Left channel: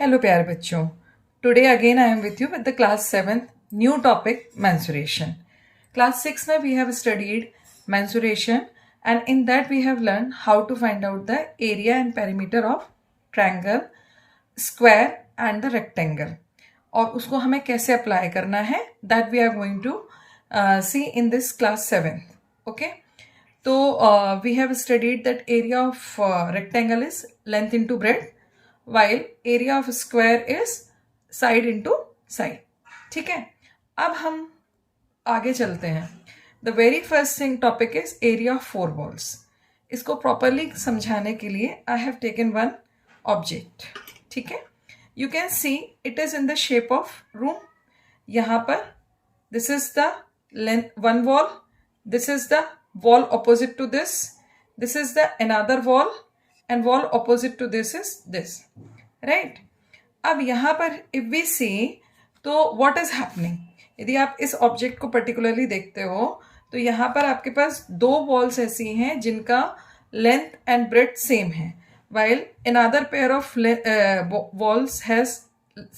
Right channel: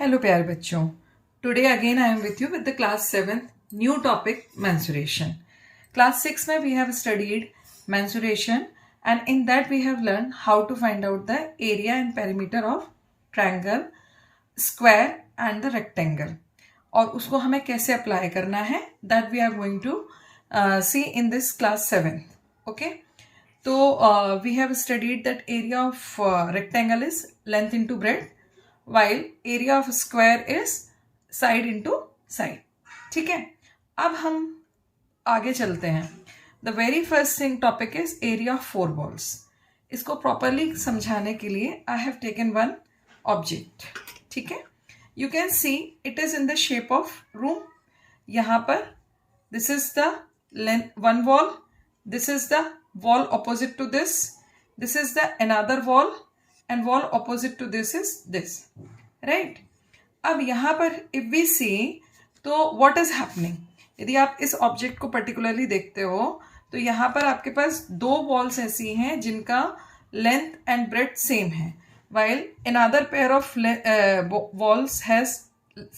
Hello प्यारे बच्चों. Today again I am with you with the class 7th new topic mensuration. Class 6 में we have studied mensuration and in that we have learned how to find out the area and perimeter of triangle, square and the rectangle. और उसको हमें कैसे apply करना है that we are going to see in this class 7th. Okay. So we have studied that area of rectangle is length into breadth while area of square is side into side. ठीक है. अब हम आगे चलते हैं. The very first thing topic is area of four walls. इसको properly समझाने के लिए I have taken one object. ठीक है. You can see it is in the shape of room. यहाँ पर this is the length one wall. This is the wall opposite to this. This is the another wall and wall opposite to this is this. Right? अब यहाँ पर if we see तो what is happening? यदि आप इस object को particularly देखते हो तो यहाँ पर आपके पास दो वॉल्स ऐसी हैं जिनका लेंथ एंड ब्रेथ सेम है while another pair of walls has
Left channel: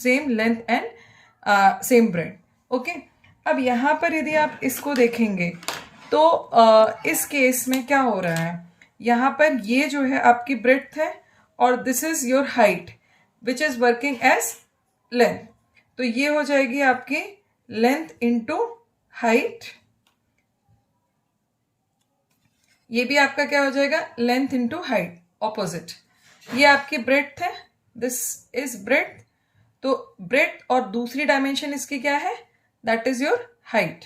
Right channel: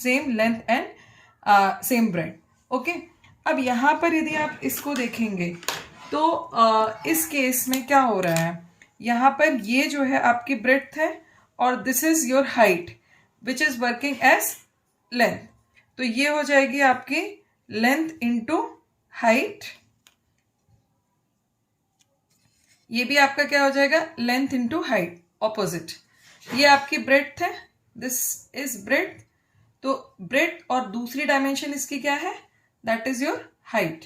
same length and same breadth. Okay? अब यहाँ पर यदि आप इसको देखेंगे तो इस केस में क्या हो रहा है, यहाँ पर ये जो है आपकी ब्रेथ है और this is your height which is working as length. तो ये हो जाएगी आपकी लेंथ इंटू हाइट. ये भी आपका क्या हो जाएगा, लेंथ इंटू हाइट ऑपोजिट. ये आपकी ब्रेथ है, दिस इज ब्रेथ. तो ब्रेथ और दूसरी डायमेंशन इसकी क्या है, that is your height.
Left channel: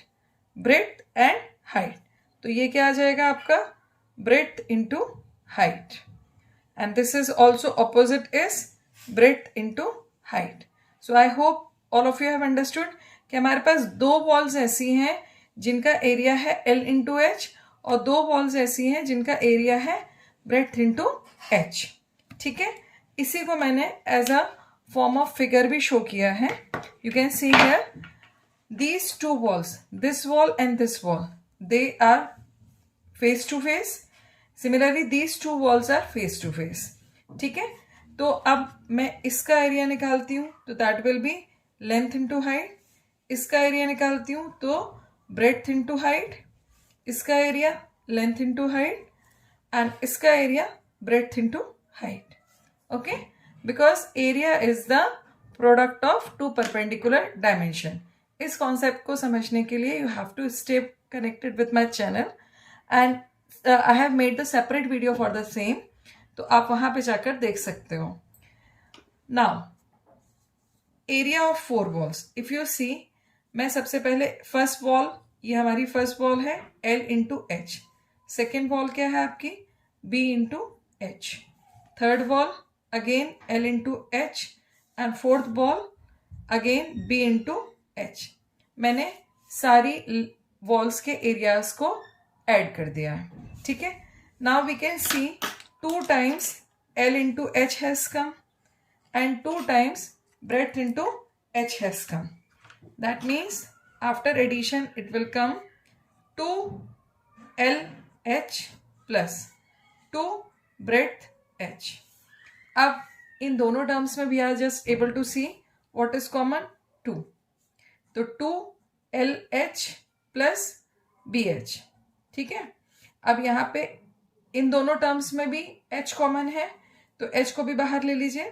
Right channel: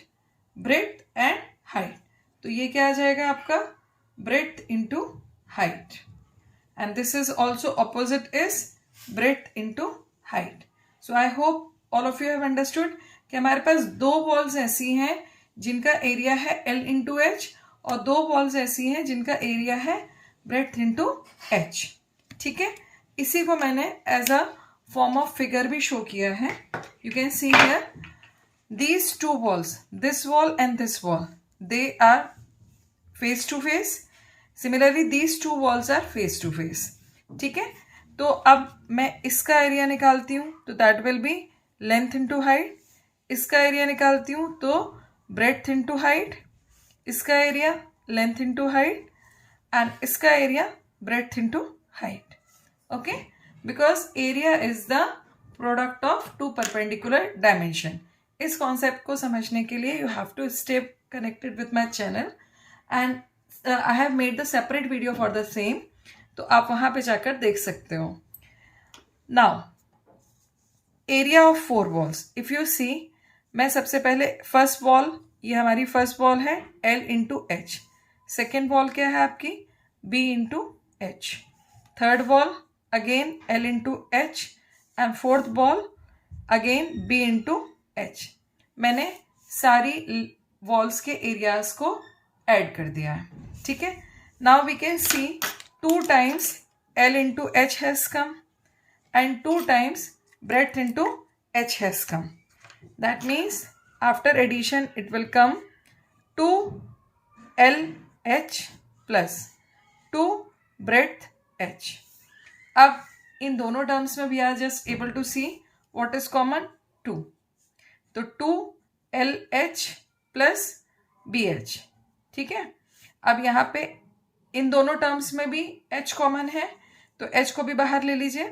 Breadth and height. तो ये क्या आ जाएगा आपका breadth into height and this is also opposite is breadth into height. So I hope all of you have understood कि हमारे पास दो वॉल्स ऐसी हैं जिनका एरिया है L इंटू एच और दो वॉल्स ऐसी हैं जिनका एरिया है ब्रेथ इंटू एच. ठीक है. इसी को मैंने as a form of figure भी शो किया है. You can see here these two walls, this wall and this wall, they are face to face. Similarly these two walls are face to face. ठीक है. तो अब मैं इसका area निकालती हूँ तो that will be length into height. इसका एरिया निकालती हूँ तो ब्रेथ इंटू हाइट. इसका area length into height and इसका area breadth into height. Okay. Because area is the product of two perpendicular dimension. इस कॉन्सेप्ट को समझने के लिए you have to stay connected with my channel and I have made the separate video for the same. तो आप वहाँ पे जाकर देख सकते हो. Now area of four walls, if you see, मैं सबसे पहले फर्स्ट वॉल, ये हमारी फर्स्ट वॉल है L into H. Second wall क्या है आपकी B into H. Third wall again L into H and fourth wall again B into H. मैंने सारी वॉल्स के एरियाज को ऐड कर दिया है. ठीक है. Now we can see 2 times L into H has come and 2 times breadth into H has come. That means after addition it will come 2LH plus 2 breadth H. अब इन दोनों terms में we are just able to see what is common, 2. तो 2LH plus BH. ठीक है. अब यहाँ पे इन दोनों टर्म्स में भी H कॉमन है तो H को भी बाहर ले लीजिए.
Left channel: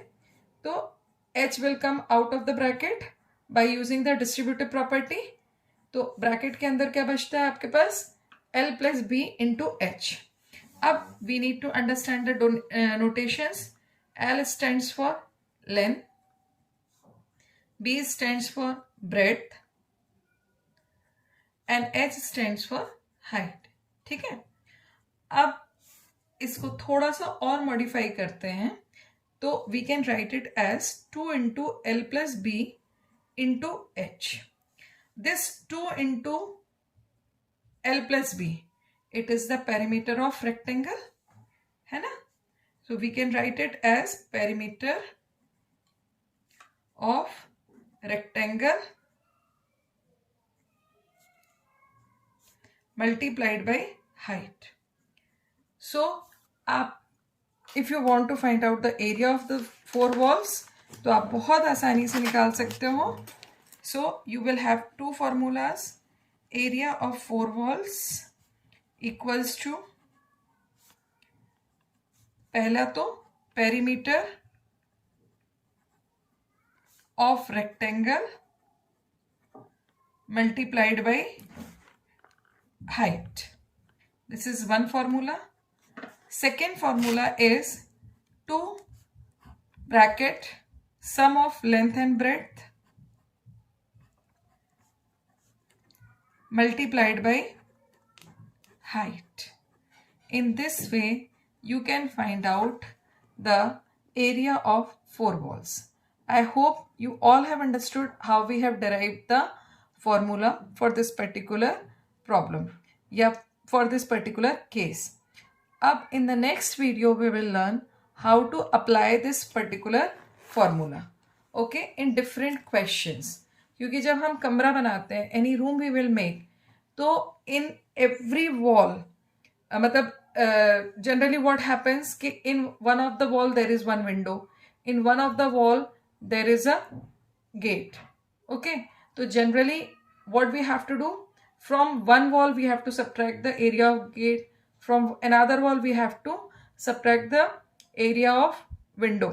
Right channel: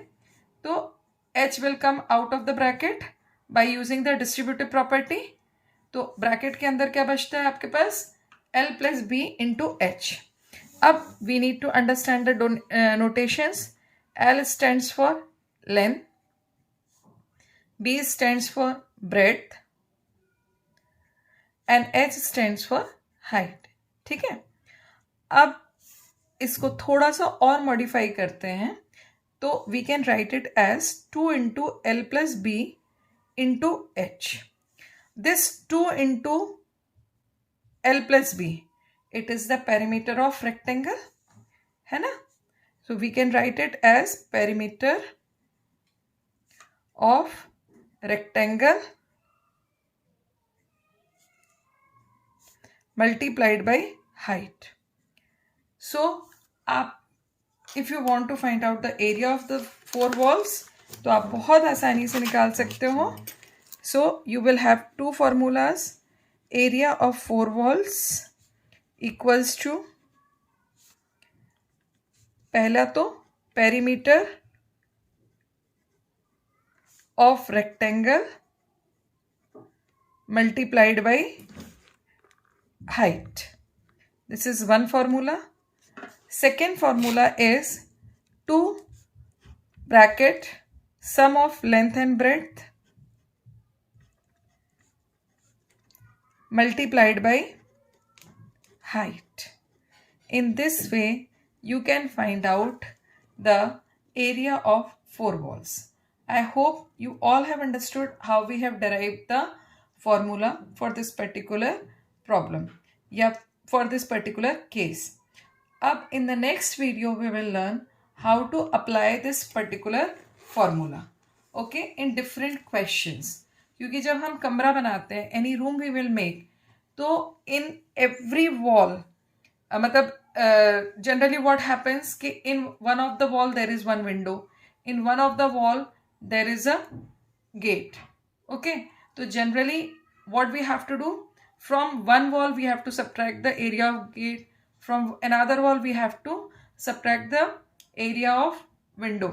तो H will come out of the bracket by using the distributive property. तो ब्रैकेट के अंदर क्या बचता है आपके पास, L plus B into H. अब we need to understand the notations. L stands for length, B stands for breadth and H stands for height. ठीक है. अब इसको थोड़ा सा और मॉडिफाई करते हैं तो we can write it as 2 into L plus B into H. This 2 into L plus B, it is the perimeter of rectangle, है ना. So we can write it as perimeter of rectangle multiplied by height. So if you want to find out the area of the four walls, तो आप बहुत आसानी से निकाल सकते हो. So you will have to formulas. Area of 4 walls equals to, पहला तो perimeter of rectangle multiplied by height. This is one formula. Second formula is 2 bracket sum of length and breadth multiplied by height. In this way you can find out the area of 4 walls. I hope you all have understood how we have derived the formula for this particular problem, yeah, for this particular case. Up in the next video we will learn how to apply this particular formula, okay, in different questions. क्योंकि जब हम कमरा बनाते हैं, any room we will make, तो in every wall मतलब generally what happens कि in one of the wall there is one window, in one of the wall there is a gate. Okay, so generally what we have to do, from one wall we have to subtract the area of gate, from another wall we have to subtract the area of window,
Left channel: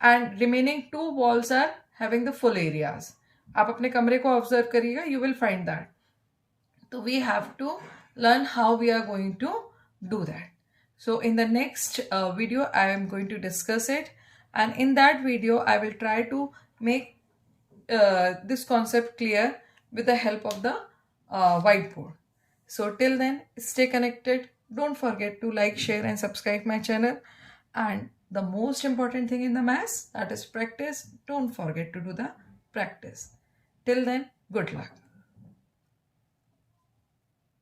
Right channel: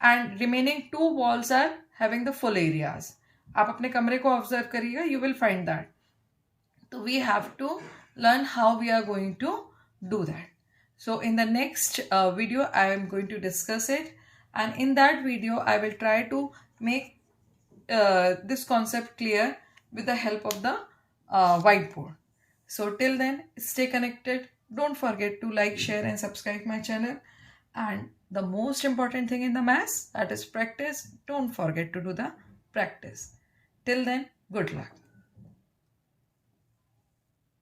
and remaining 2 walls are having the full areas. आप अपने कमरे को observe करिएगा, you will find that. So we have to learn how we are going to do that. So in the next video I am going to discuss it, and in that video I will try to make this concept clear with the help of the whiteboard. So till then, stay connected. Don't forget to like, share and subscribe my channel. And the most important thing in the maths, that is practice. Don't forget to do the practice. Till then, good luck.